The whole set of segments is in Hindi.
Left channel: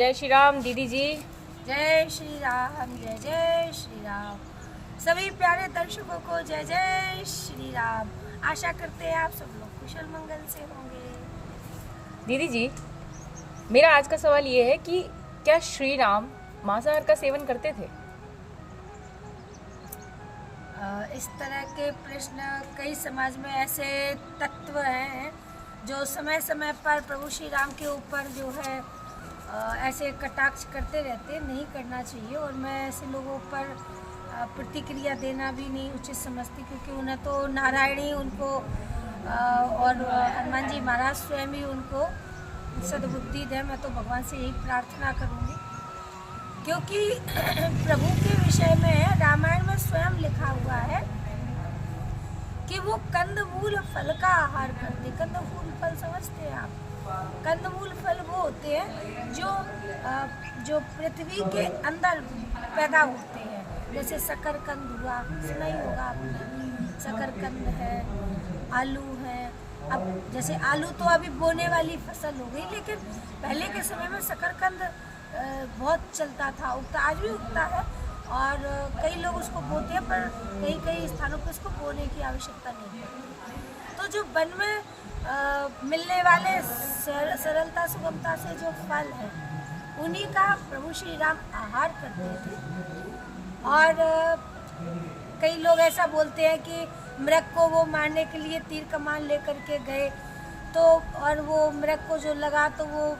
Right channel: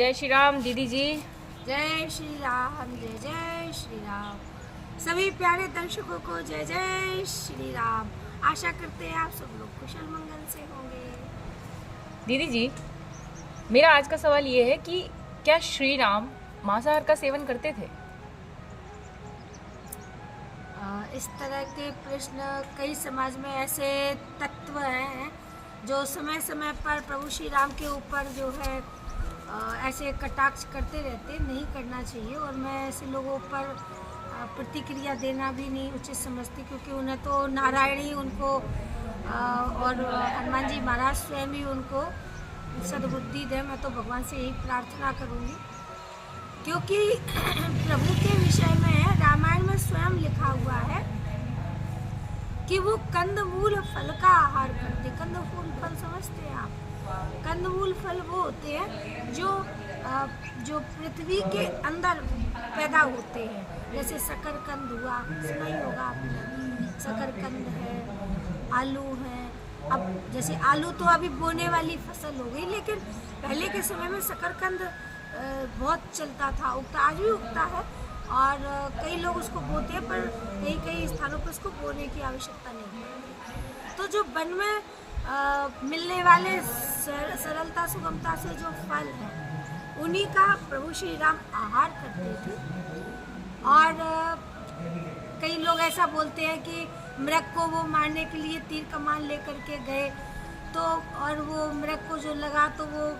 जय श्री राम दीदी जी। जय श्री राम, जय जय श्री राम। सभी प्यारे दर्शकों को जय जय श्री राम। आशा करते हैं आप सब लोग कुशल मंगल से होंगे। दीदी जी, मेरा आज का सवाल ये है कि क्या श्री राम मांसाहार का सेवन करते थे? इस तरह के प्रश्न कई समाज में ऐसे तत्व हैं जो समय समय पर प्रभु श्री राम के ऊपर जो है ऐसे कटाक्ष करते रहते। नहीं करना चाहिए और मैं ऐसे लोगों पर प्रतिक्रिया देना भी नहीं उचित समझती, क्योंकि उन्हें तो नारायण ही उनको और हनुमान जी महाराज स्वयं ही उनको सद्बुद्धि दे। मैं तो भगवान से यही प्रार्थना करूँगी, क्योंकि प्रभु के विषय में रामायण में स्वयं लिखा हुआ है कि वो कंदमूल फल का आहार करते। कंदमूल फल समझते हैं आप? कंदमूल फल वो होते हैं जो पृथ्वी के अंदर पैदा होते हैं, जैसे शकरकंद हुआ, सुना ही होगा आपने। शकरकंद है, आलू है। अब जैसे आलू तो अभी बोने वाली फसल हो गई, लेकिन पहले के समय में शकरकंद बहुत चलता था, उगता, आज भी उगता है और कई लोग उसको बोते हैं, पर कई स्थानों पर उसको बोने की आवश्यकता नहीं है। तो जो वन में मिलने वाले सरलता सुगमता से जो फल हैं, उन्हीं का प्रभु श्री राम आहार करते थे। और कई लोग ऐसा बोलते हैं कि मृग को वो मारने के लिए तीर कमान लेकर के गए, तो और वो मृग को जो लगा तो वो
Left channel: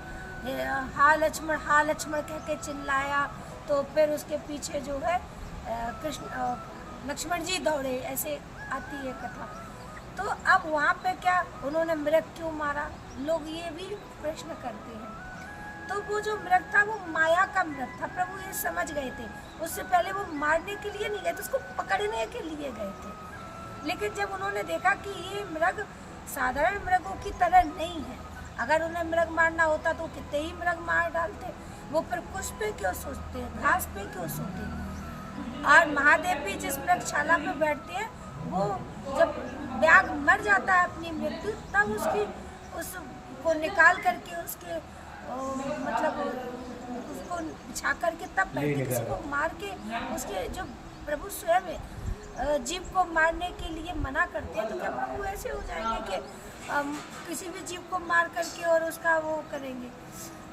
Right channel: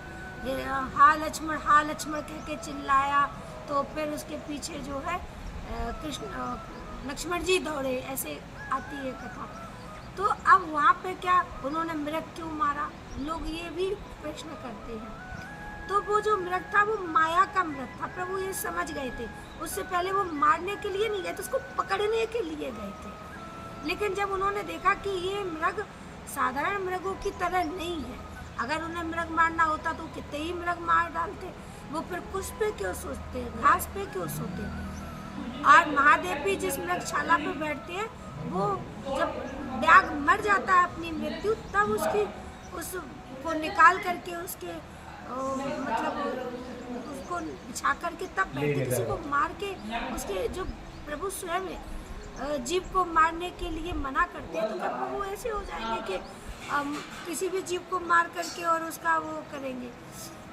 हा लक्ष्मण कह के चिल्लाया, तो फिर उसके पीछे जो है लक्ष्मण जी दौड़े, ऐसे आती है कथा। तो अब वहाँ पे क्या उन्होंने मृग क्यों मारा, लोग ये भी प्रश्न करते हैं। तो वो जो मृग था वो माया का मृग था, प्रभु ये समझ गए थे। उससे पहले वो मारने के लिए नहीं गए थे, उसको पकड़ने के लिए गए थे। लेकिन जब उन्होंने देखा कि ये मृग साधारण मृगों की तरह नहीं है, अगर उन्हें मृग मारना होता तो कितने ही मृग मार डालते, वो फिर कुछ पे क्यों सोचते, घास पे क्यों सोते। और महादेव भी जिस मृगशाला पे बैठते हैं, वो जब व्याघ्र मर जाता है अपनी मृत्यु, तब उसको निकाल करके उसके मतलब उसको बिछा करके तब बैठते। किसी को मार के उसके जो प्रभु स्वयं जीव को मारने के लिए मना करते हैं, तो क्या प्रभु ऐसे हो जाएंगे कि किसी भी जीव को मार करके और उसका वो करेंगे।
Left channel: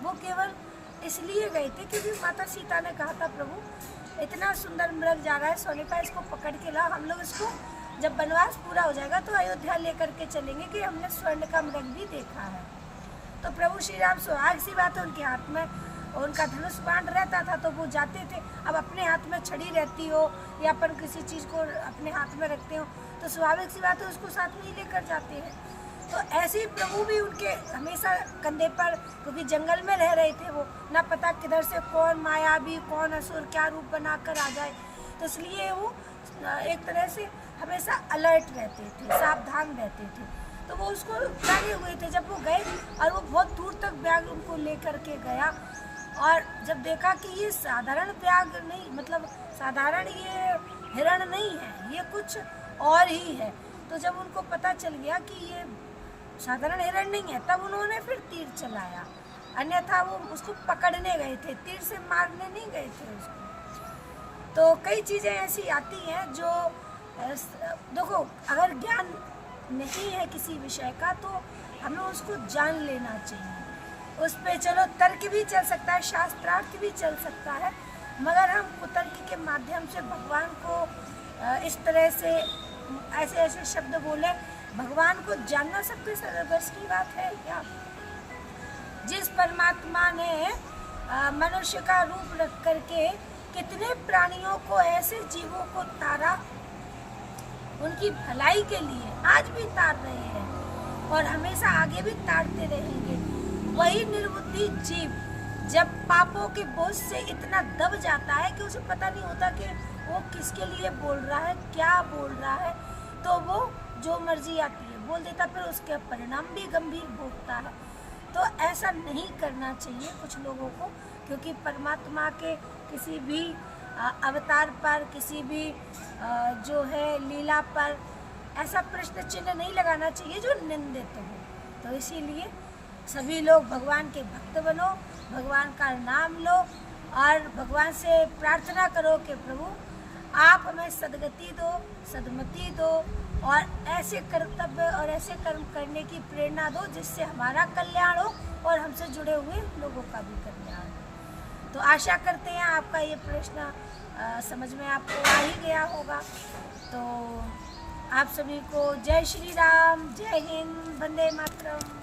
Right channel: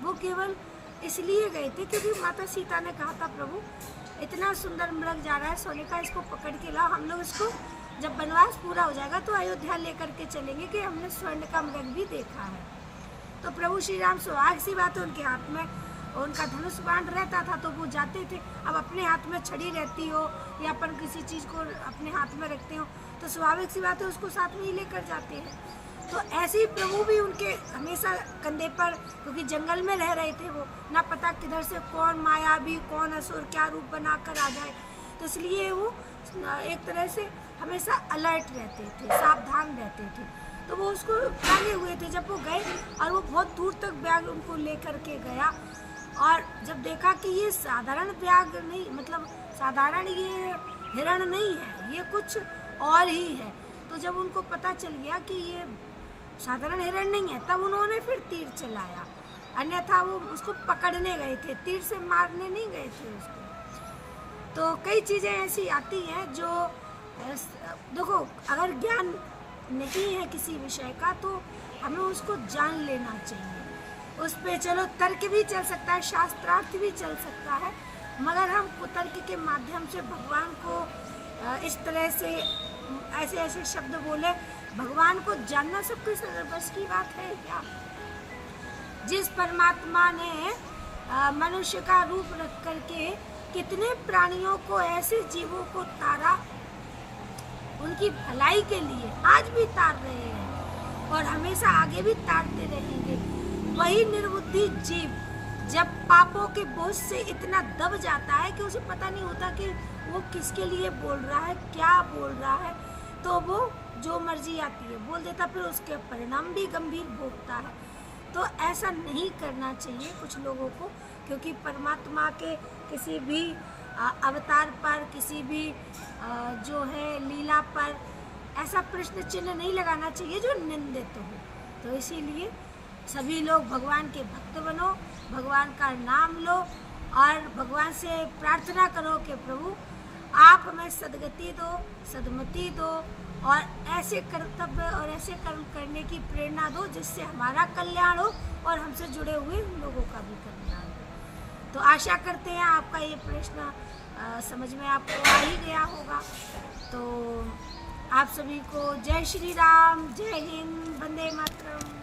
वो केवल इसलिए गए थे क्योंकि माता सीता ने कहा था, प्रभु इतना सुंदर मृग जा रहा है सोने का, इसको पकड़ के लाओ, हम लोग इसको जब वनवास पूरा हो जाएगा तो अयोध्या लेकर के चलेंगे कि हमने स्वर्ण का मृग भी देखा है। तो प्रभु श्री राम सुहाग सी बात है, उनके हाथ में उनका धनुष बाण रहता था तो वो जाते थे। अब अपने हाथ में छड़ी रहती हो या अपन किसी चीज़ को अपने हाथ में रखते हो तो स्वाभाविक सी बात है उसको साथ में ही लेकर जाते हैं। तो ऐसे ही प्रभु भी उनके हमेशा कंधे पर, क्योंकि जंगल में रह रहे थे, वो ना पता किधर से कौन मायावी कौन असुर क्या रूप बनाकर आ जाए, तो इसलिए वो एक तरह से हमेशा अलर्ट रहते थे, सावधान रहते थे। तो वो उसको टांगे हुए थे। जब वो गए और वो बहुत दूर तक बैग उनको लेकर के गया, और जब देखा कि ये साधारण बैग नहीं, मतलब साधारण ये हिरण नहीं है, ये कुछ और ही है, तो जब उनको पता चल गया कि ये साधारण हिरण नहीं है, तब उन्होंने फिर तीर चलाया। अन्यथा वो उसको पकड़ने गए थे, तीर से मारने नहीं गए थे उसको। तो कई चीज़ें ऐसी आती हैं जो देखो, अगर ज्ञान नहीं है किसी विषय का तो हमें उसको जान लेना चाहिए। उस पे चलो तर्क भी चल सकता है, शास्त्रार्थ भी चल सकता है, मगर हम कुतर्क के माध्यम से भगवान को इस तरह से ऐसे ऐसे शब्द बोले, भगवान को जानना सबके बस की बात है क्या? जिस परमात्मा ने मनुष्य का रूप रख करके कितने प्राणियों को, ऐसे जीवों को तारा, उनकी भलाई के लिए आज भी तार रहे हैं और हमेशा आगे भी तारते रहेंगे। वही निर्बुद्धि जीव जब पापों के बोझ से इतना दब जाता है कि उसे पता नहीं होता कि वो किसके लिए बोल रहा है, क्या बोल रहा है, तो वो जो मर्जी आती है बोल देता, फिर उसके परिणाम भी गंभीर भोगता है। तो ऐसा नहीं करना चाहिए कुछ लोगों को, क्योंकि परमात्मा के किसी भी अवतार पर, किसी भी जो है लीला पर ऐसा प्रश्न चिन्ह नहीं लगाना चाहिए जो निंदित हो। तो इसीलिए सभी लोग भगवान के भक्त बनो, भगवान का नाम लो और भगवान से प्रार्थना करो कि प्रभु आप हमें सद्गति दो, सद्मति दो और ऐसे कर्तव्य और ऐसे कर्म करने की प्रेरणा दो जिससे हमारा कल्याण हो और हमसे जुड़े हुए लोगों का भी कल्याण हो। तो आशा करते हैं आपका ये प्रश्न समझ में आपको आ ही गया होगा। तो आप सभी को जय श्री राम, जय हिंद, वंदे मातरम।